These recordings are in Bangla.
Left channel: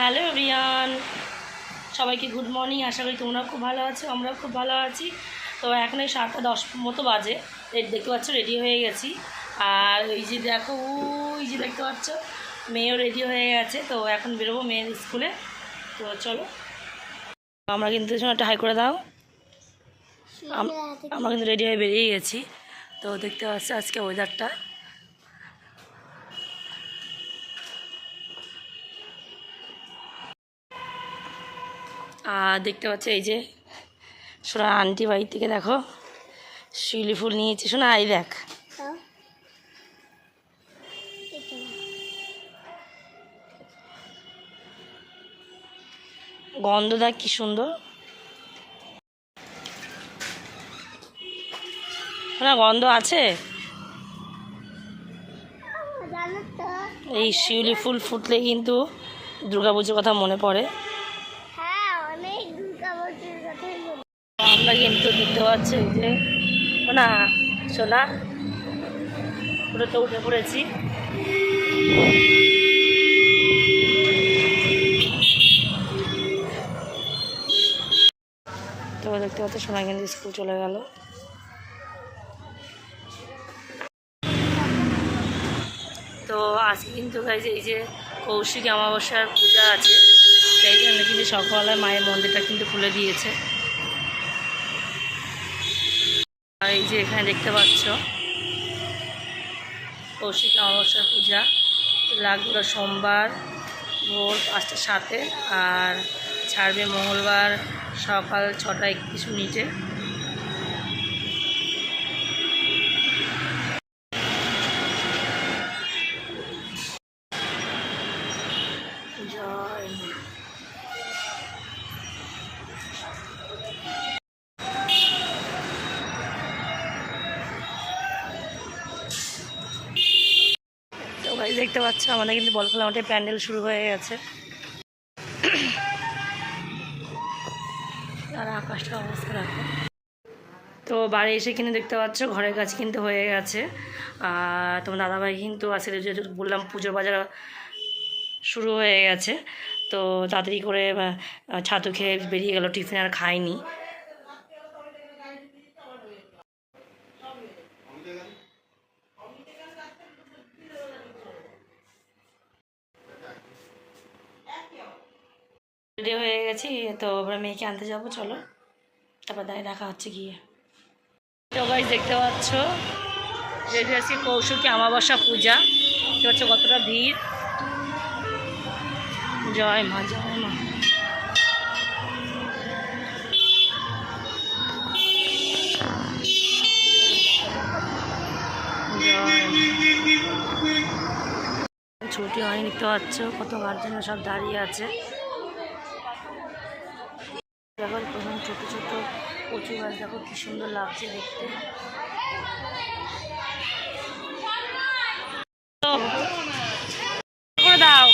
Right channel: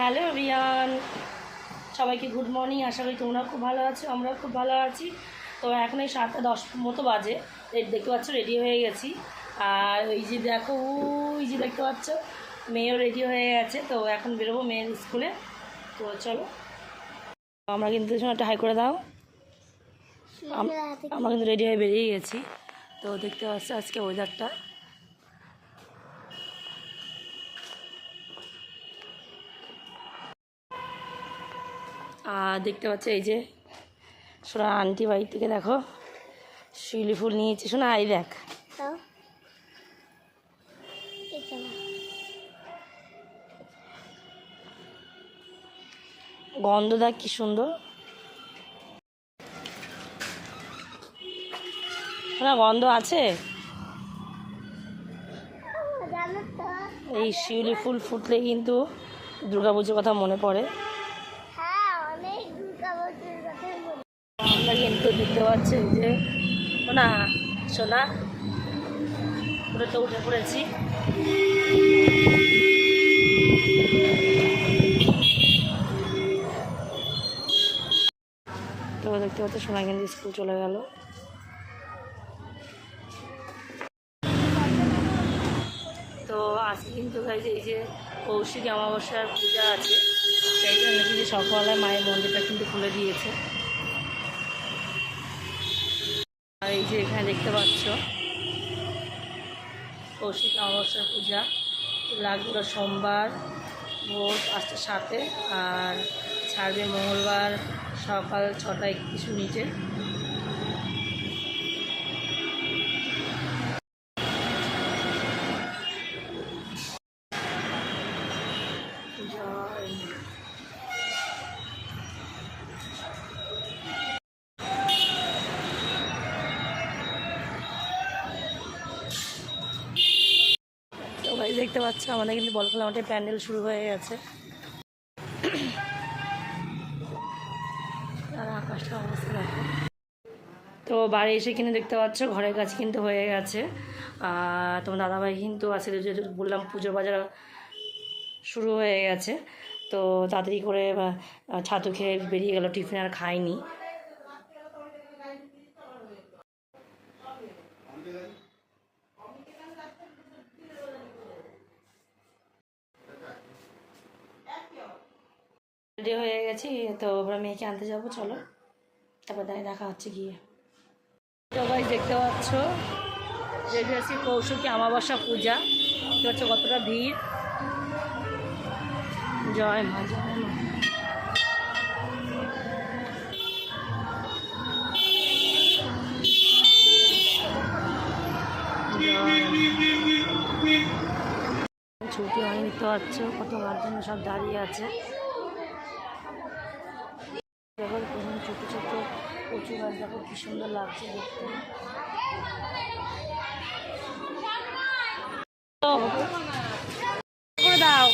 হ্যালো এভরিওয়ান, সবাইকে গুড মর্নিং। আশা করি তোমরাও খুব ভালো আছো, আমরাও খুব ভালো আছি। তো এখন এই 7:10 মতো বাজে, দেখতে পাচ্ছ রেডি হয়ে গেছি। আর ওই যে দেখো, ওই যে দেখতে পাচ্ছ মেয়েও রেডি হয়ে গেছে। তো এখন বেরোবো মেয়ের স্কুলে। তো চলো, আমরা কিন্তু একটা হাই করে দাও। আমরা কিন্তু রেডি হয়ে বেরিয়ে গেছি। তো দেখতে পাচ্ছি আজকে ওয়েদারটা আর দেখতে পাচ্ছি এই যে সোনা আন্টি বাড়ি থেকে দেখো শিউলি ফুল নিয়েছি। শোনা এই দেখ, গন্ধ দেখ কি সুন্দর না, গন্ধ আছে। এই শিউলি ফুল ফুটলে কিন্তু দুর্গাপুজোর কথা মনে পড়ে। আমরা কিন্তু দেখতে পাচ্ছি এই যে না সোনা পুরো তো উঠে পড়েছি। তো দেখতে পাচ্ছি সোনা কিন্তু স্কুল চলে গেল। তো আজকে কিন্তু এই যে কৌশিক অমাবস্যার পূজা আছে, সেই জন্য কিন্তু সকালবেলায় মায়ের মন্দিরটা কিন্তু খুলে দিয়েছে। আর এই যে এখানে দেখতে পাচ্ছ কৌশিক অমাবস্যার পূজা লাগলো সোমবার ভোর 5:07 আর ছাড়বে মঙ্গলবার সকাল 6:31। জয় তো ভাই দেখতে পাচ্ছ আমাদের কিন্তু বল খেলা মাঠে প্যান্ডেল শুরু হয়ে গেছে। আর আকাশটা অবস্থা রাখো। তো বাড়ি এসে কিন্তু দেখতে পাচ্ছ ঘরের কাছে কিন্তু হয়ে গেছে। আর তোমার দাদাভাই কিন্তু আসলে যেহেতু বললাম পুজোর বাজার শুরু হয়ে গেছে, তো তাড়াতাড়ি করে ছাতু খেয়ে বেরিয়ে গেল, টিফিন আর খায়নি। রেডি হয়ে গেছি, তো আমরা মেয়েকে আনতে যাবো, চলো তারপর দেখা হচ্ছে গিয়ে। তো গাইস দেখতে পাচ্ছ রেডি আছি কৌশিকী অমাবস্যা পূজা, দেখতে পাচ্ছ কতটা ভিড়। জয় মা, জয় মা। ছুটি হয়নি, দেখতে পাচ্ছ কত গার্জেন সব দাঁড়িয়ে আছে। দেখো প্রথম ছোট ছোট কচু গাছ, দেখো কি সুন্দর লাগছে দেখতে। করে দাও,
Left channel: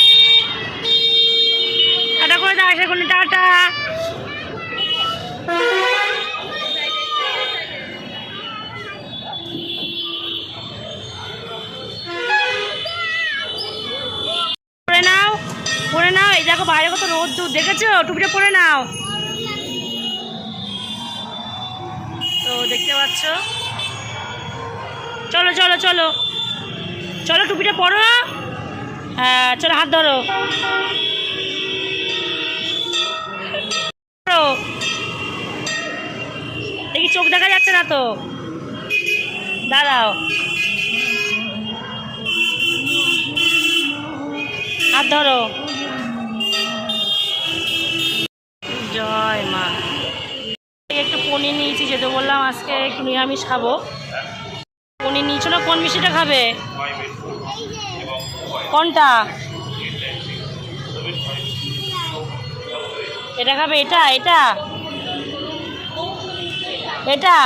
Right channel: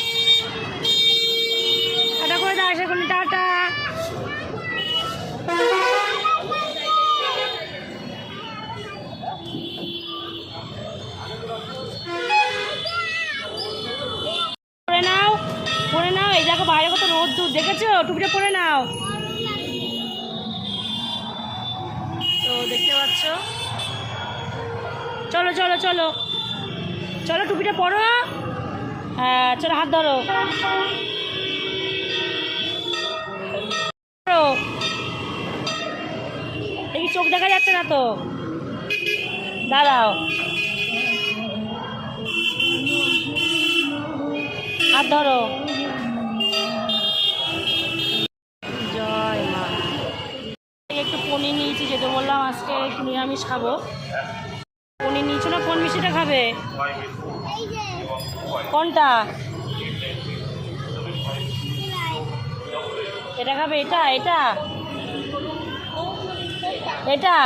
টাটা করে দাও, আশা করি টাটা। পরে নাও, পরে নাও। এই দেখো বাইরে কত রোদ দূর, দেখেছো? টুপিটা পরে নাও। তো দেখতে পাচ্ছ, চলো চলো চলো চলো, টুপিটা পরো। হ্যাঁ চলো, হাত ধরো। দেখি চোখ দেখা যাচ্ছে না তো, দাঁড়াও, হাত ধরো। জয় মা। একটু পনির নিয়েছি, যেতে বললাম আজকে একটু নিরামিষ খাবো। পনির নিয়েছো না? কোন মিষ্টিটা খাবে? কোনটা? এটা খাবে? এটা এটা এটা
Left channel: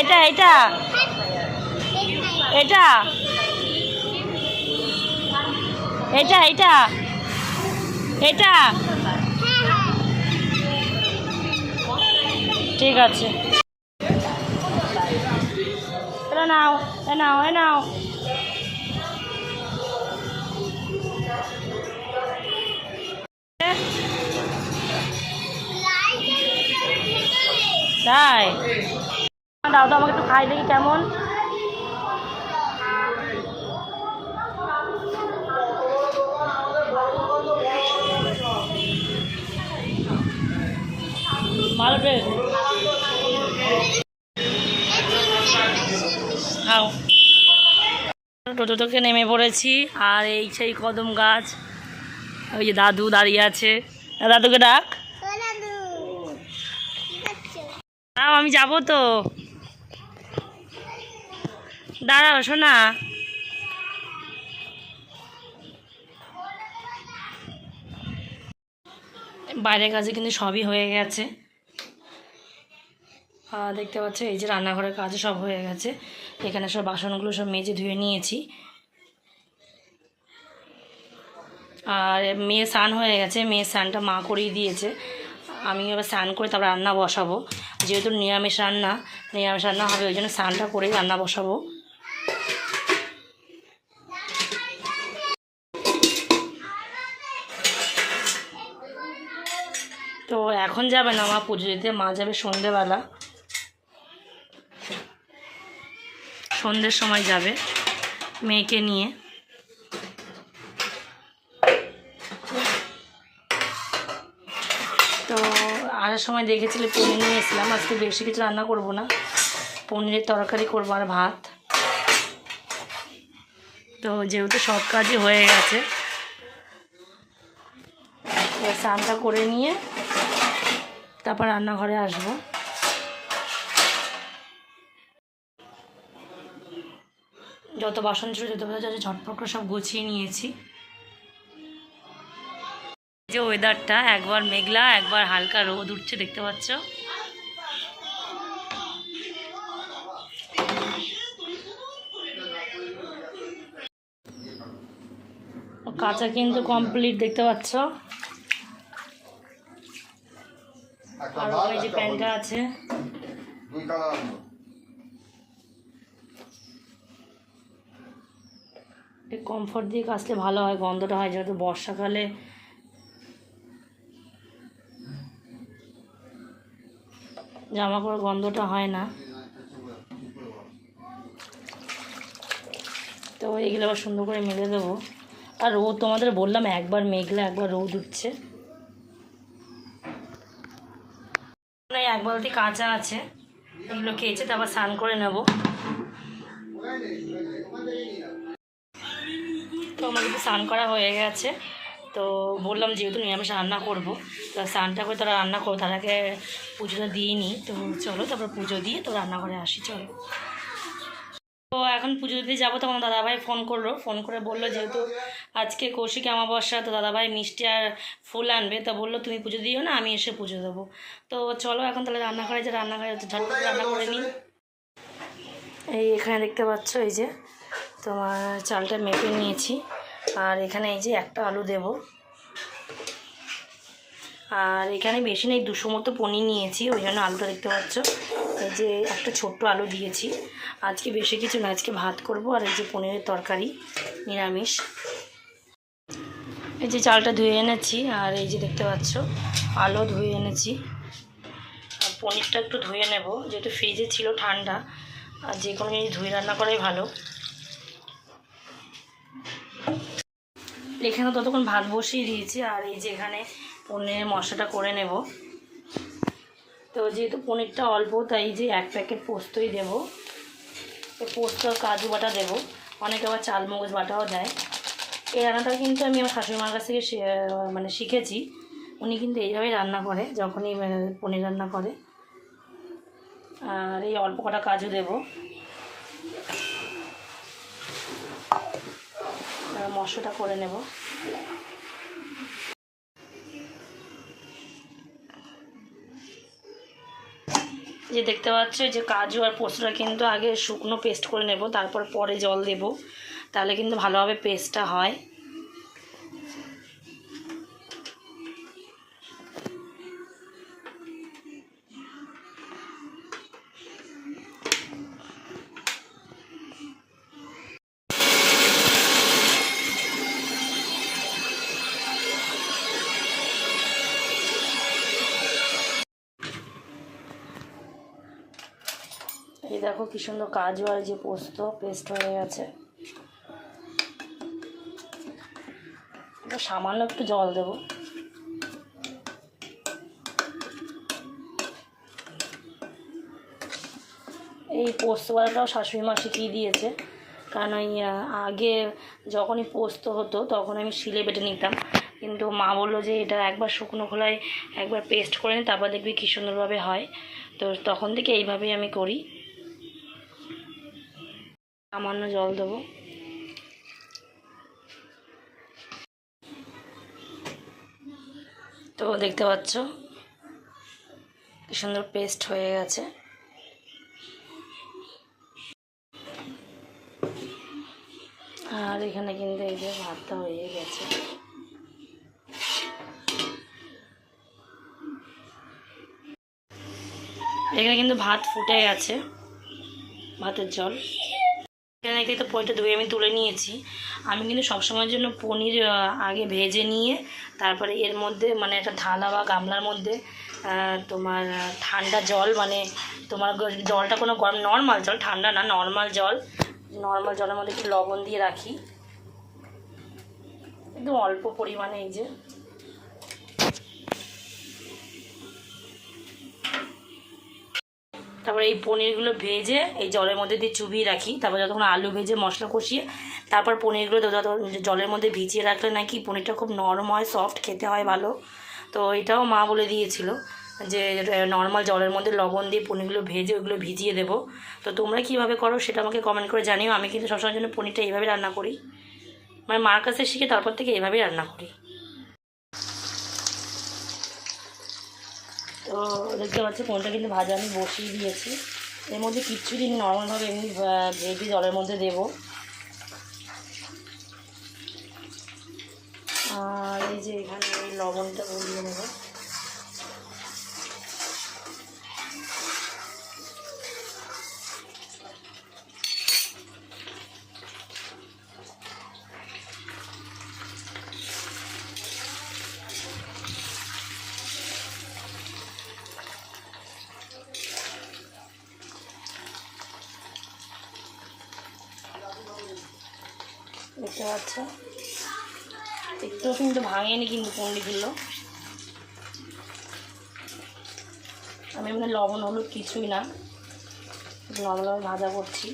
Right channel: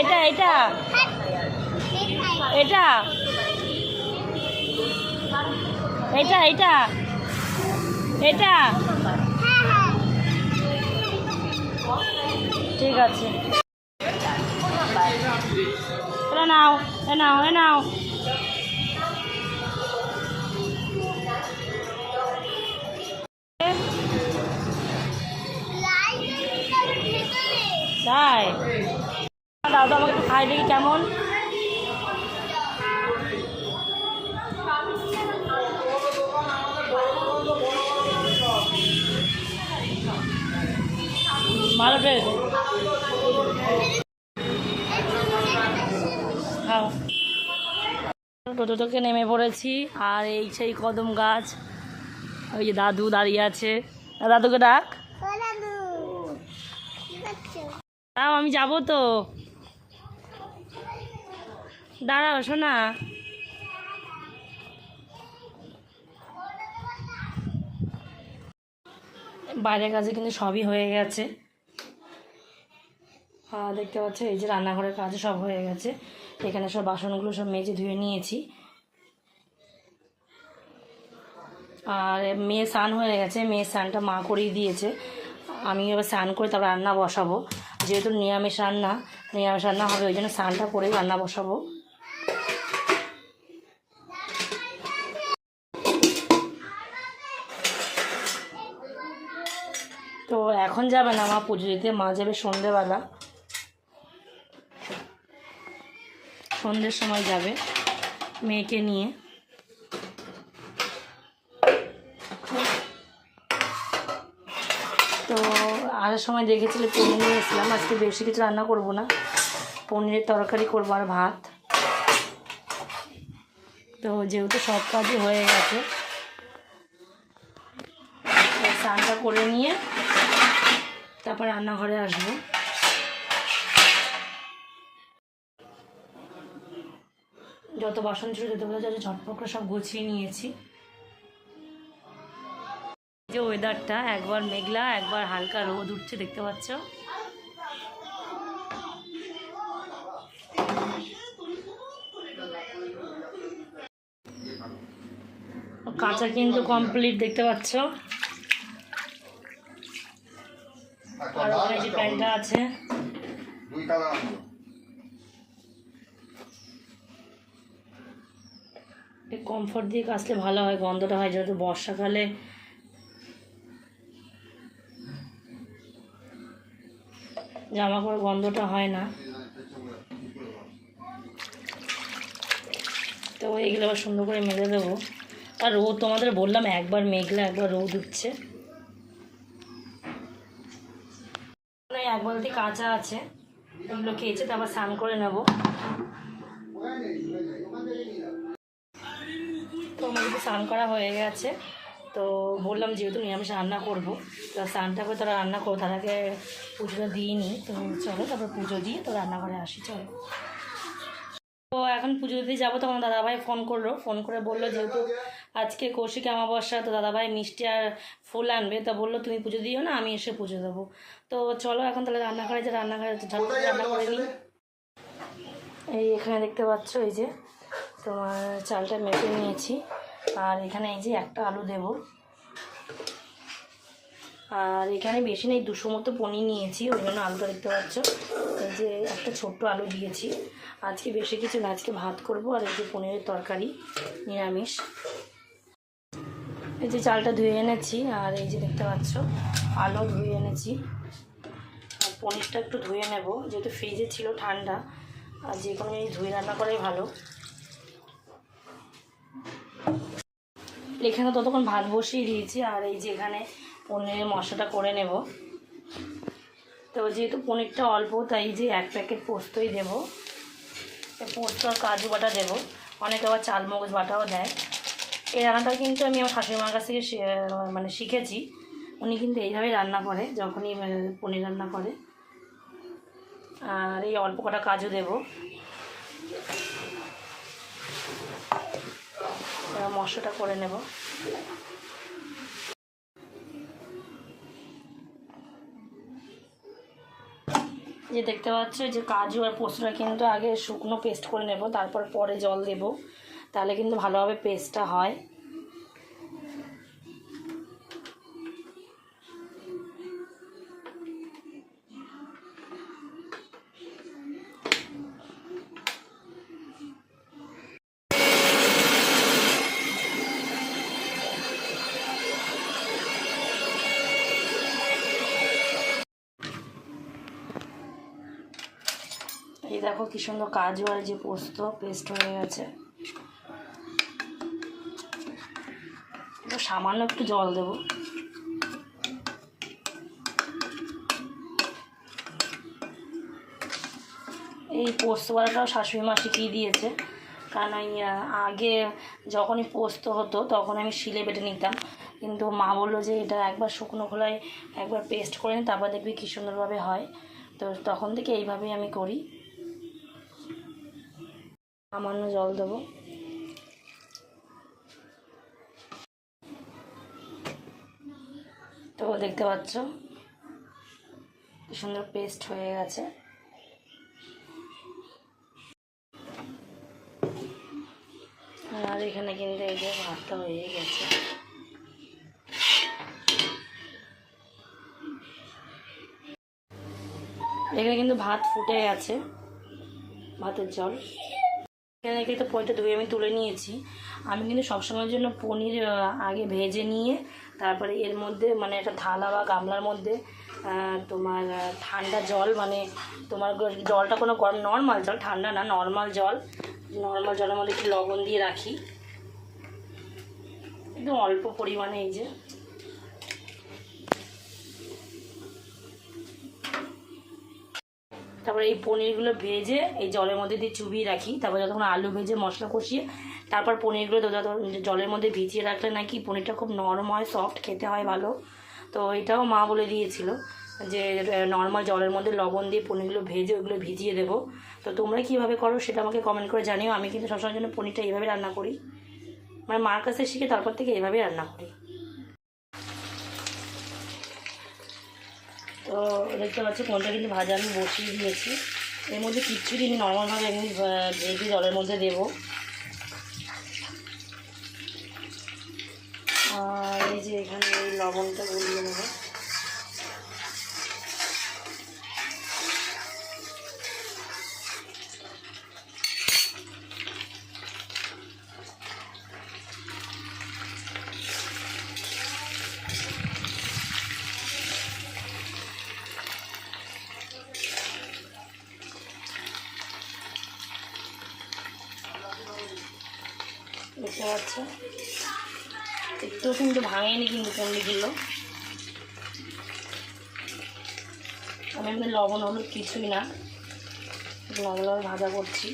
এটা এটা এটা এটা এটা এটা ঠিক আছে, নাও এ নাও এ নাও। তাই দাও তো আমাকে একটু খাই দেখি কেমন। ভালো টেস্ট। খাও। টোটো থেকে নেমে পড়েছি আর এই সেই কদম গাছ, ওই যে দাদু দাঁড়িয়ে আছে, দাদুকে ডাক। দাও আমি যাবো তো, দাঁড়াও শোনা। বাইরের কাজে কিন্তু সবই হয়ে গেছে, দেখতে পাচ্ছ এই যে রান্নাঘরের কাজে সব হয়ে গেছে। এখানে সব বাসনগুলো সব মেজে ধুয়ে নিয়েছি। আর মেয়ে স্নান হয়ে গেছে, মেয়ের স্নানটা মা করিয়ে দিয়েছে। আমি এবার স্নান করে তারপর রান্না বসাবো, যেহেতু নিরামিষ রান্না হবে, ওই জন্য স্নানটা করেই রান্না বসাবো। তো এখন যাবে না মা পুজো দিতে, মা যাবে সন্ধেবেলা, সন্ধ্যের সময় যাবে মেয়েকে নিয়ে। তো আসার সময় দেখেছিলে পনির নিয়ে এসেছিলাম, আজকে বেশি কিছু রান্না করব না, পনিরের তরকারি করবো আর ভাত। তো যেহেতু সব কাজই হয়ে গেছে, স্নানটা করে নিয়ে তারপর রান্নাঘরে আসবো। যত বাসন ছিল যত ঝটপট করে সব গুছিয়ে নিয়েছি। যে ওয়েদারটা একবার মেঘলা একবার হালকা রোদ উঠছে, দেখতে পাচ্ছ। কাঁচা কিন্তু কমপ্লিট, দেখতে পাচ্ছ। আর ওখানে যে প্যান্টটা আছে, কমফোর্ট দিয়ে কাচলে ভালো হয়, গন্ধটা হয়, যেহেতু বর্ষাকালে জামা কাপড় গন্ধটা হয় না। তো এইগুলো আবার সুন্দর করে মেলে দেবো। আর রোদ তোমাদের বললাম একবার মেঘলা একবার রোদ উঠছে। এক বালতি কাঁচা আছে, এগুলো কেচে তারপর স্নান করে নেব। তো আমার কিন্তু স্নান করা হয়ে গেছে। তো বললাম যেহেতু নিরামিষ রান্না করবো, তো স্নানটা করে তারা রান্না করবো, তার আগে পুজোটা দিয়ে নিই। তো চলো তারপর পুজো দিয়ে তো রান্নাঘরে আসি, চলো। তো এখন পুজো দিতে যাবো, তখন দাদাভাই ফোন করে বললো যেহেতু আজকে কৌশিক অমাবস্যা, তো দাদাভাই মিষ্টি আর ফুল আনবে, তা বললো তুমি পুজো দিও না, আমি এসে পুজো দেবো। তো চলো এখন তাহলে রান্নাঘরে ঝটপট রান্না করে নিই। এই এখানে দেখতে পাচ্ছ এই যে তোমার চালটা মেপে নিয়েছি, আর এখানে এই যে একটা আলু দেব, আর এখানে বেশি নেই 200 মতো পনির নিয়েছি, ওই জন্য আলুটা দেখতে পাচ্ছ। এই যে একটা ছোট্ট আলু দিয়েছি, আজকে বেশি কিছু না, আজকে ভাত করব আর এই যে পনিরের তরকারি নিরামিষ। এই যে চালটা ধুয়ে এনেছি, আর এই যে দেখতে পাচ্ছ আলু ধুয়ে এনেছি, আর পনিরটা একটু ধুয়ে নেব, যেহেতু ফ্রিজে ছিল ঠান্ডা, আর যে কোনো জিনিস ধুয়ে রান্না করাই ভালো। এখানে ততক্ষণ ভাত বসিয়ে দিয়েছি, আর এই যে এখানে পনিরের মশলাটা করে নেব। তো যেহেতু পনিরটা অল্প, তাই যে 1 প্যাকেট পোস্তই দেবো, পোস্ত আর কাজু বাটা দেবো, অনেকে আবার চালমগজ বাটাও দেয়। এই রান্নাটা কিন্তু আমি আমার শাশুড়িমার কাছ থেকে শিখেছি, উনি কিন্তু এইভাবেই রান্না করে যখনই পনির রান্না করে। আর এই অল্প কটা কাজু দেবো, মশলাটা করে নেব। যে দেখতে পাচ্ছ যে কাজু আর পোস্তটা কিন্তু আগে শুকনো পেস্ট করে নেব, তারপর পরে জল দেব, তাহলে কিন্তু ভালোভাবে পেস্টটা হয়। দেখো কি সুন্দর কাজু আর যে পোস্ত পেস্ট হয়ে গেছে। সামান্য একটু জল দেব। এই পোস্ত বাটাটাও শাশুড়ি মা শিখিয়ে দিয়েছে, কারণ ওই আগে যখনই পোস্ত হতো তখন আমি শিলে বেটে নিতাম, কিন্তু মা বললো যে এটা একবার শুকনো খোলায় একবার পেস্ট করে নিই, তারপর দেখবি কী সুন্দরভাবে হয়। তো তখন থেকে এইভাবেই আমি করি। সামান্য জল দেবো। তো দেখতে পাচ্ছ কি সুন্দর পেস্ট হয়ে গেছে। আর এখানে কিন্তু এই যে ভাতটা হয়ে গেছে। এখানে কিন্তু ভাত ফুটে গেছে, ভাতের জল। এখানে তো পনিরটা ধুয়ে আমি তুলে নিয়েছি। আমি কিন্তু সবসময়ের জন্য পনির আগে ভেজে নিয়ে তারপরে এর মধ্যে মানে একটা থালা বা গামলার মধ্যে তোমার ঠান্ডা জল, মানে তোমার জলটা কোনো গরম, নর্মাল জল, ঠান্ডা না, নর্মাল জলের মধ্যে একটু লবণ দিয়ে রাখি, একদম অল্প পরিমাণে। এই যে তারপরে এই পনিরগুলো ভেজে এই জলের মধ্যে দিয়ে চুবিয়ে রাখি। তারপর যতক্ষণ আলু ভেজে মশলা কষিয়ে তারপর পনিরগুলো জলের মধ্যে ভিজিয়ে রাখলে নাকি পনিরটা খুব নরম হয়, সফট, খেতে হয় ভালো। তো এটাও মা বলে দিয়েছিল যে নর্মাল জলের মধ্যে লবণ দিয়ে পনিরগুলো ভেজে ওইগুলো ভিজিয়ে দেবো। তো তোমরা কীভাবে করো সেটা আমাকে কমেন্ট করে জানিও। আমি কিন্তু সবসময়ের জন্য পনিরটা এইভাবে রান্না করি, মানে মার কাছে শিখে তারপর থেকে এইভাবেই রান্না করি। তো দেখতে পাচ্ছি পনিরটা কিন্তু ভাজা আমি বসিয়ে দিয়েছি। এর মধ্যে কিচ্ছু দিন নর্মালভাবে এমনি ভেজে জলের মধ্যে দেব। আর এই যে এখানে এই লবণটা গলিয়ে নেব। দেখতে পাচ্ছ একটু কিন্তু ভাঙেনি কিন্তু পনিরগুলো। আমি এমনি লবণ হলুদ কিছুই না, নর্মালভাবে ভাজা করছি।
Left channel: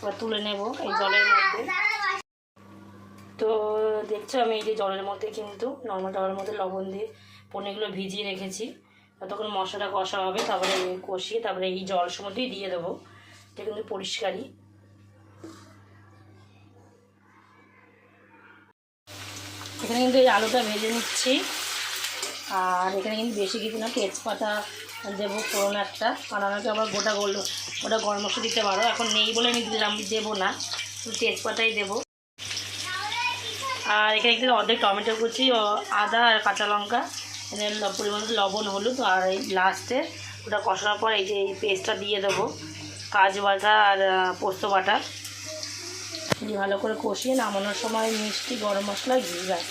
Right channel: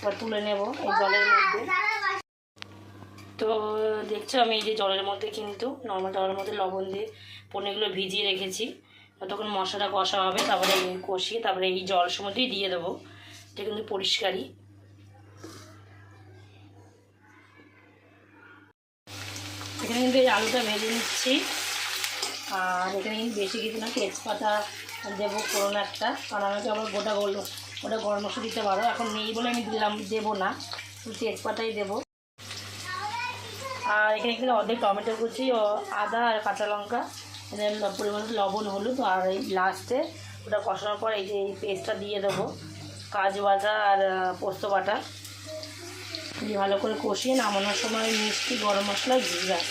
এবার তুলে নেব এই জলের মধ্যে। তো দেখছো আমি এই যে জলের মধ্যে কিন্তু নর্মাল জলের মধ্যে লবণ দিয়ে পনিরগুলো ভিজিয়ে রেখেছি। ততক্ষণ মশলাটা কষা হবে, তারপরে কষিয়ে তারপরে এই জল সময়তেই দিয়ে দেবো। এটা কিন্তু পরিষ্কারই। এখানে কিন্তু এই আলুটা ভেজে নিচ্ছি। আর এখানে কিন্তু বেশি কিছু না, তেজপাতা দেবো ফোড়ন একটা, আর আমাকে আবার গোটা গরম মশলা দিতে পারো। এখন নেই বলে আমি দেবো না, তেজপাতাই দেবো। আর এখানে কিন্তু অর্ধেক টমেটো কুচি ও আদা আর কাঁচা লঙ্কা, পরিমাণ লবণ হলুদ, আর এই লাস্টে ওটা কষানোর পর এই যে এই পেস্টটা দিয়ে দেবো, কাজু বাটা আর পোস্ত বাটা দিয়ে ভালো করে কষিয়ে নামানোর সময় মিষ্টি, গরম মশলা, ঘি, ব্যাস।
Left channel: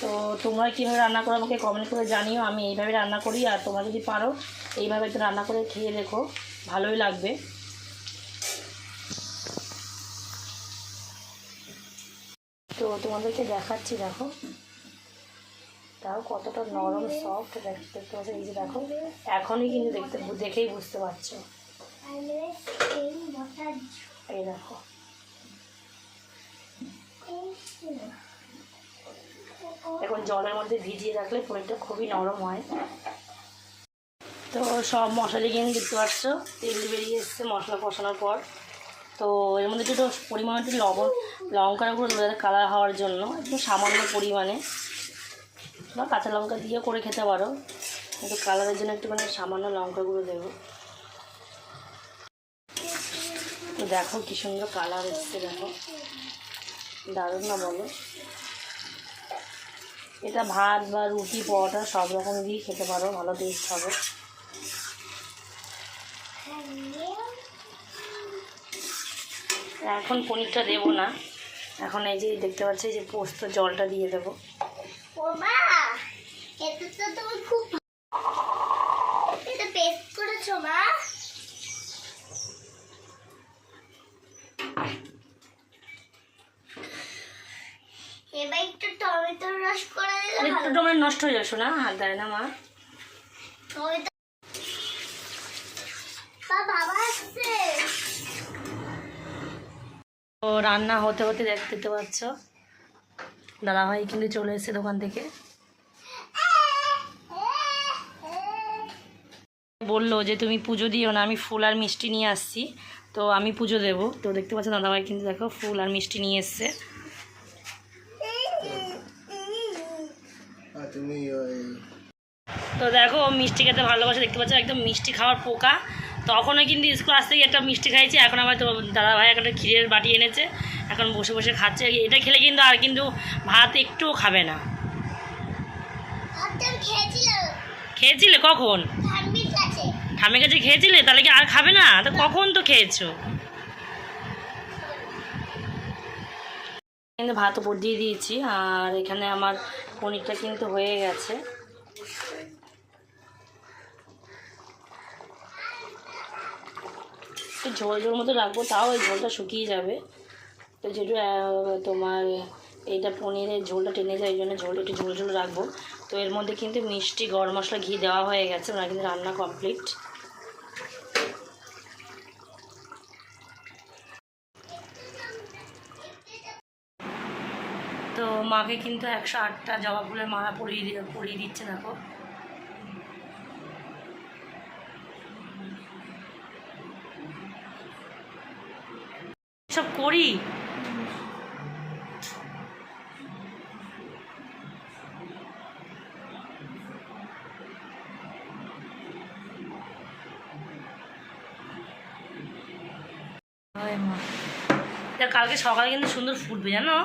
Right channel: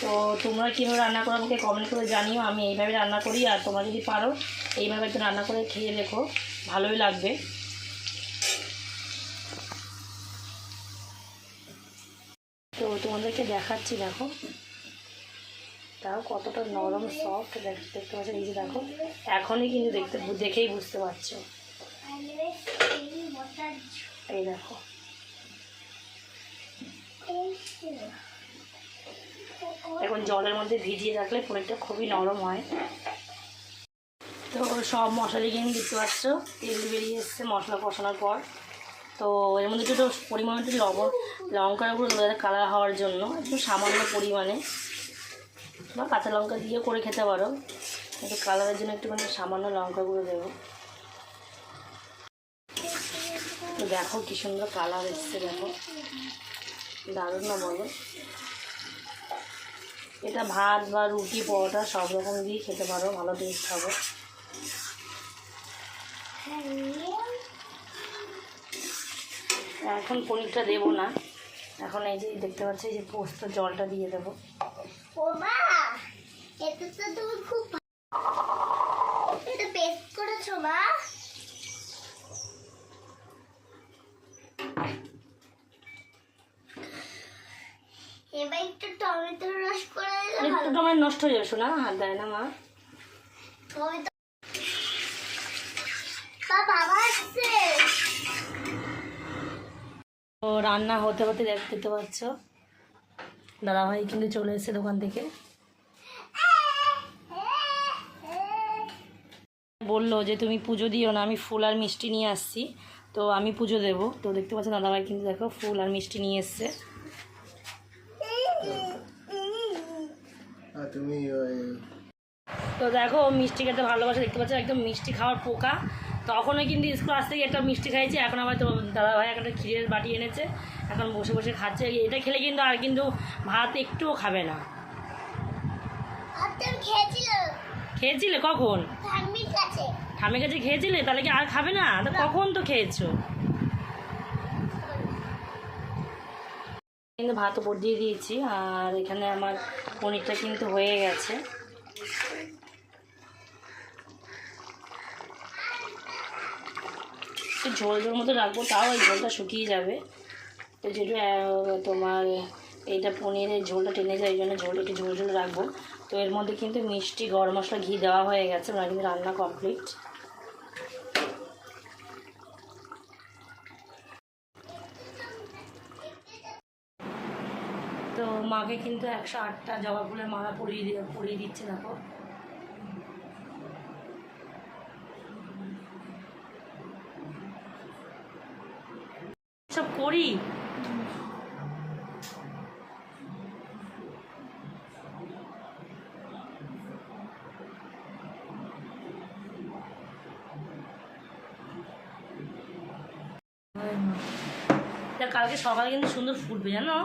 তো তোমরা কীভাবে রান্না করো আমাকে কমেন্ট করে জানিও। আমি এইভাবে রান্না করি, আর তোমরা যদি পারো এইভাবে একটু রান্না করে খেয়ে দেখো, ভালোই লাগবে। তো তোমাদেরকে দেখাচ্ছি, দেখো তাও কতটা নরম সফট দেখতে পাচ্ছ। এই যে দেখো এখনই কিন্তু দেখেই বুঝতে পারছো। এই দেখো এখন জলের মধ্যে ভিজিয়ে রাখলে পনিরটা খুবই নরম হয়। তো সব মশলা কিন্তু দেখতে পাচ্ছ তেল বেরিয়ে এসছে মশলা কষানোর পর। তো এর মধ্যে একটু পরিমাণে একটু লঙ্কার গুঁড়ো তাদের কালার হওয়ার জন্য একটু সামান্য পরিমাণে, বা কাঁচা লঙ্কা দিয়ে করে খেতে পারো, একটু কালারের জন্য একটুখানি সামান্য লঙ্কা গুঁড়ো দেবো। তো দেখো কী সুন্দর কালার এসছে, দেখো দারুণ না বলো? এটা ভাত বা রুটি, পরোটা সব রকম দিয়ে খেতে পারো, ভালো টেস্ট হবে। এখন পনিরটা দেবো না, এখন এই যে দেখতে পাচ্ছি যে পোস্ত জলটা দিয়ে দেবো। এটা তো তোমার খুব এটা পেস্ট করেছো মা? এবার একটু টমেটোর রস করে দিলে একটু টমেটো নষ্ট হয়ে যাবে না, হাত দেয় না মা। টমেটো বাবা আসছে। তো রান্না হতে হতে দেখতে পাচ্ছ দাদাভাই কিন্তু চলে এসেছে দোকান থেকে। বললো যে তুমি পুজো দিও না, আমি ফুল আর মিষ্টি নিয়ে আসছি, তো আমি পুজো দেবো। তো দেখতে পাচ্ছ দাদাভাই কিন্তু দেখো ফুল আর মিষ্টি নিয়ে এসছে। তো দেখো মিষ্টি খেতে ভালোবাসে, দেখতে পাচ্ছ একদম মিষ্টি খাওয়ার পোকা। তখনও কিন্তু স্কুল আসতে গিয়ে একটা মিষ্টি খাইছি, এখন আবার তো দাদাভাই একটা ক্ষীরের বাটি এনেছে, এখন বসে বসে খাচ্ছে। এটা খেলে কিন্তু আর কিন্তু ভাত একটুও খাবে না। খেয়েছিলে কখন? ঠামের কাছে খেয়েছিলে, তাহলে কি আর খাবে না? তো কখন তো খেয়েছো? কিন্তু ভাত উপর দিয়ে দিয়েছি, আর এখানে আমার পনিরটা কিন্তু হয়ে গেছে। ঝোল ঝোল মতো রাখবো, তাও এই ঝোলটা শুকিয়ে যাবে। তো যেহেতু তোমার এইটা পনিরের ঝোলটা টেনে যায়, এই জন্য ঝোল একটু ঝোল ঝোল রাখবো। তো এর মধ্যে কিন্তু মিষ্টি, গরম মশলা, ঘি দেওয়া হয়ে গেছে, ওনার কিন্তু রান্না কমপ্লিট। তো মাকে কিন্তু 108টা জবা ফুলের মালা পরিয়ে দিচ্ছে দেখো। সব করি কালকে সকালে কিন্তু সুন্দর ফুটবে জানো।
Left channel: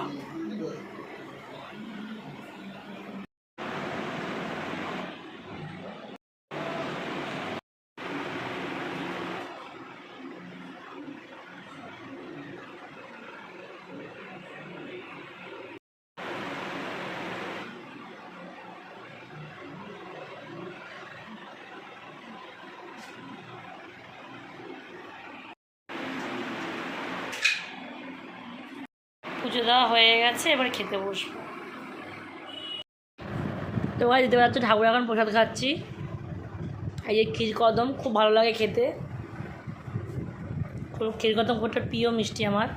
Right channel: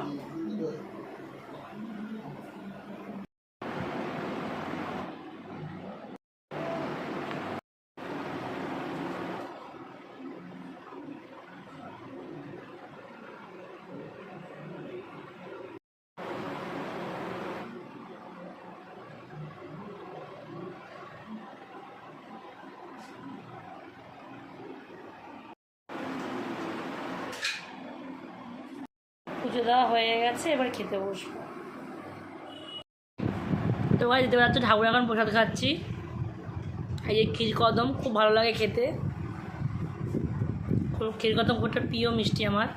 পুজো দেওয়া হয়ে গেছে, এবার খেতে বসবো। তো ভাই দিতে পারছি ঠাকুর এখন প্রসাদ খাচ্ছি। এই যে ক্ষীরকদম খুব ভালো লাগে খেতে, ক্ষীরকদম খুব একটা প্রিয় মিষ্টি আমার।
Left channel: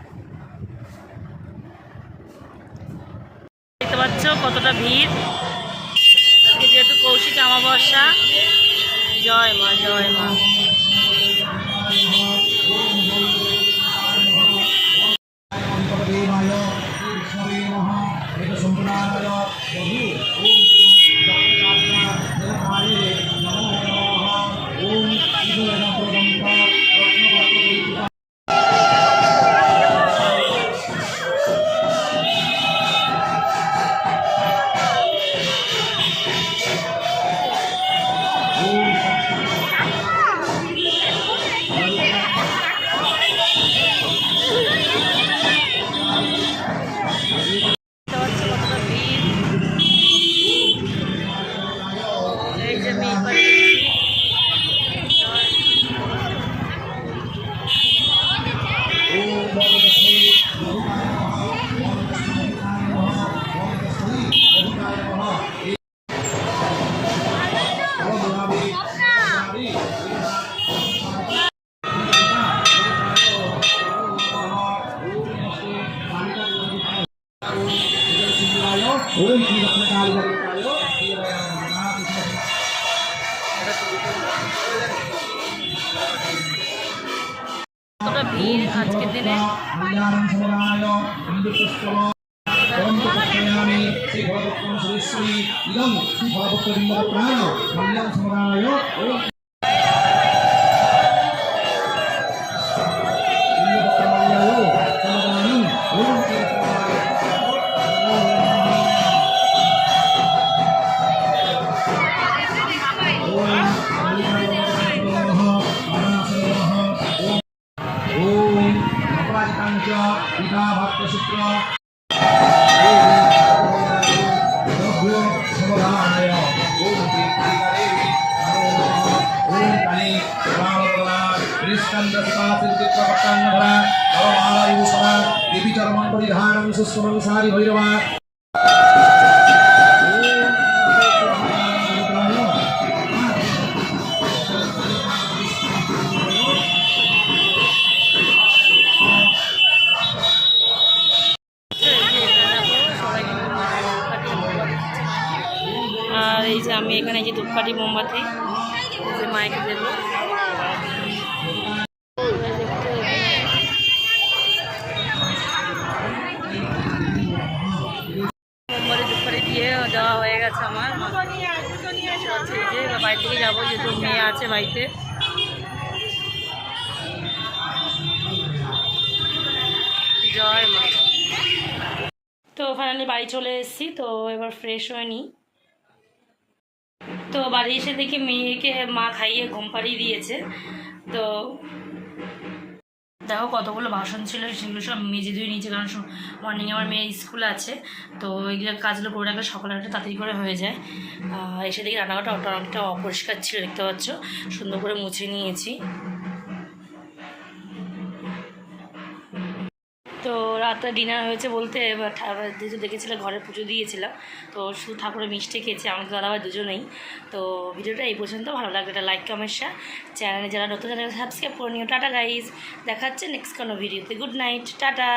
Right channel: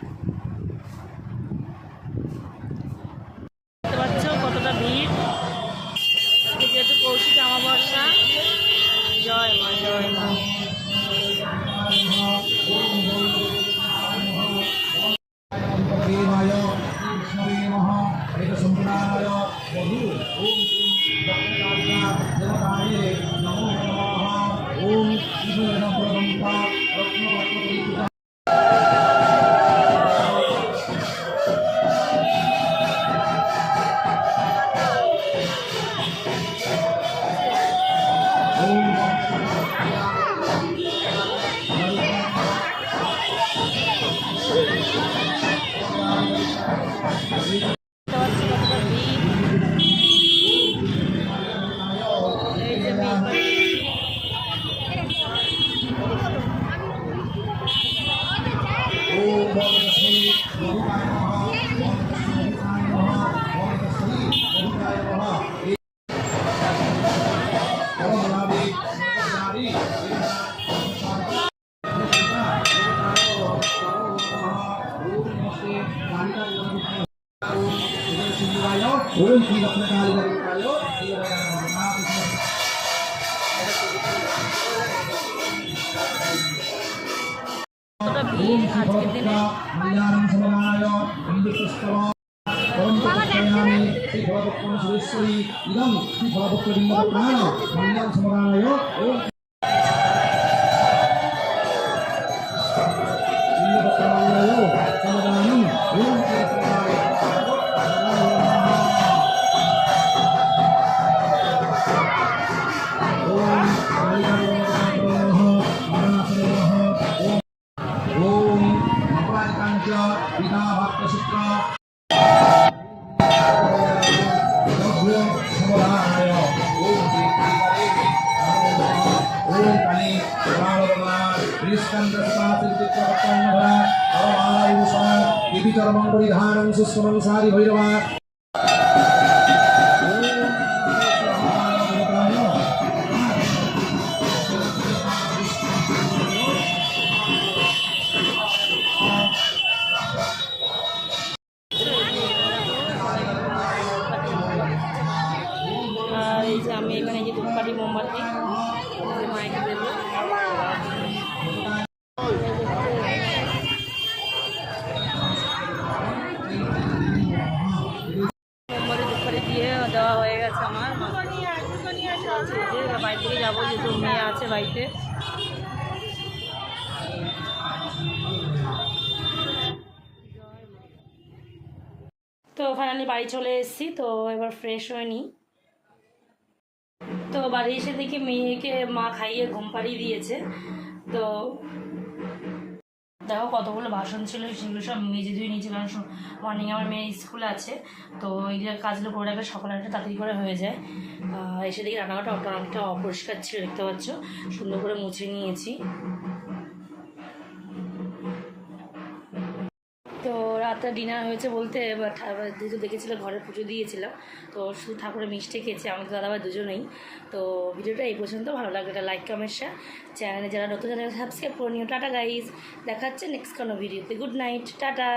দেখতে পাচ্ছ কতটা ভিড় আজকে, যেহেতু কৌশিক অমাবস্যা। জয় মা, জয় মা। ভিড় আজকের দিনে। ধরা নরমালা বিভূষণা দেবীচরমণ পরিধানং সুস্কমনুসারি ভৈরবা আর এই যে আমি এখানে যে ধূপকাঠি মোমবাতি এই যে মাইকে দেবো। মোমবাতি ধূপকাঠি দিয়ে দেওয়া হয়ে গেছে আমার। এই যে বাড়ি থেকে যাবো, যেহেতু মেয়ে আছে বাড়িতে। জয় মা। তো ফাইনালি বাড়ি চলে এসেছি, তো এবার ফ্রেশ হয়ে নিই। তো বাড়ি এসে দেখি মেয়েকে মা খাইয়ে ঘুম পাড়িয়ে দিয়েছে। তো দেখো কতগুলো বাসন ছিল, সেগুলো সব মেজে ধুয়ে নিয়েছে, কারণ মর্নিংয়ে আমার মেয়ের স্কুল আছে। তো এইগুলো কাজগুলো করে রাখলে সকালে একটা তাড়াতাড়ি করে হয়ে যায়। এসে দেখি রান্নাঘরটা অনেকটা অপরিষ্কার ছিল, দেখতে পাচ্ছ, সুন্দর করে মুছে নিয়েছি। তো রাতে ডিনার হয়েছে বলতে, যেহেতু দেখেছিলাম ঘরে পুজো দিয়েছিলাম, তো শুধু ঠাকুরের মিষ্টি খেয়েছি, আমাকে দাদাভাই দুজনেই। তো ভিডিওটা এই পর্যন্ত, ভালো লাগলে একটা লাইক কমেন্ট শেয়ার, চ্যানেলে যারা নতুন চ্যানেল সাবস্ক্রাইব করে নিও। টাটা গাইজ, দেখা হচ্ছে নেক্সট কোনো ভিডিওতে। Good night, tata.